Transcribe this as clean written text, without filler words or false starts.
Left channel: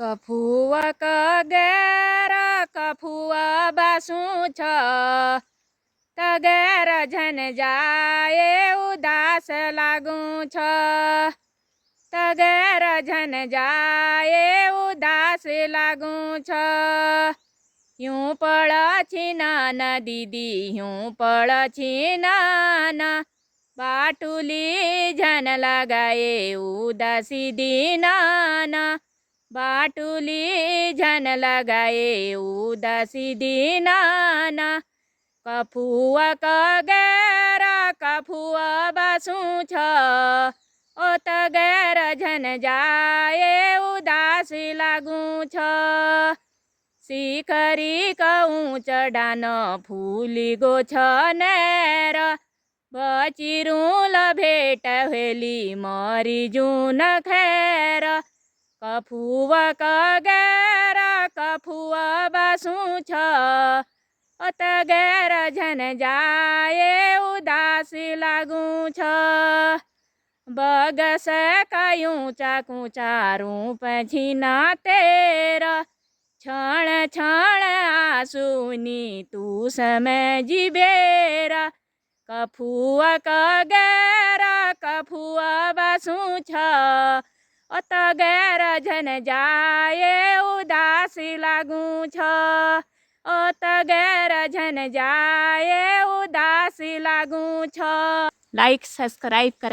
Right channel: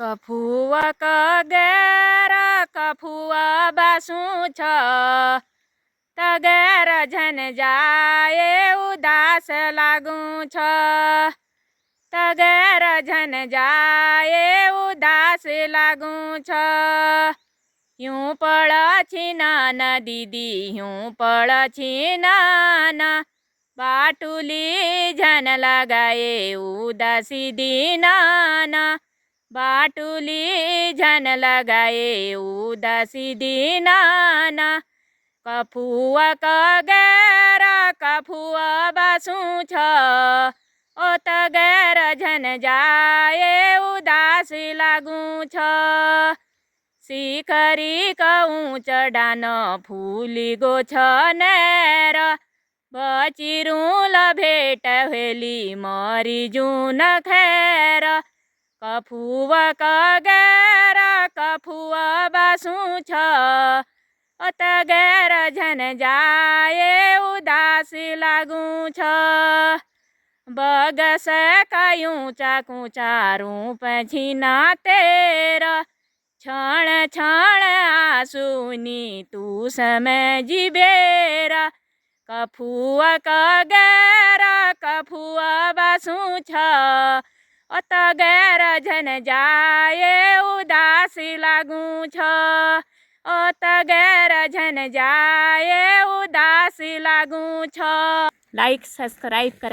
कफुआ कगेर कफुआ बासु छ तगेर झन जाए उदास लागु छ तगेर झन जाए उदास लागु छ। हिउँ पढ्छिन न दिदी हिउँ पढ्छिन न बाटुली झन लगाए उदासी दिन न बाटुली झन लगाए उदासी दिन न। कफुआ कगेर कफुआ बासु छ ओ तगेर झन जाए उदास लागु छ। शिखरी ऊँच डान फुली गो छ नेर बचिरुल भेट हेली मरी जुन खेर। कफुआ कगेर कफुआ बासु छ ओ तगेर झन जाए उदास लागु छ। बगस का ऊँचा कुचा रूप छिना तेर क्षण क्षण आसुनी तू समय जिबेर। कफुआ कगेर कफुआ बासु छ ओ तगेर झन जाए उदास लागु छ ओ तगेर झन जाए उदास लागु छ। लाइक सब्सक्राइब करें।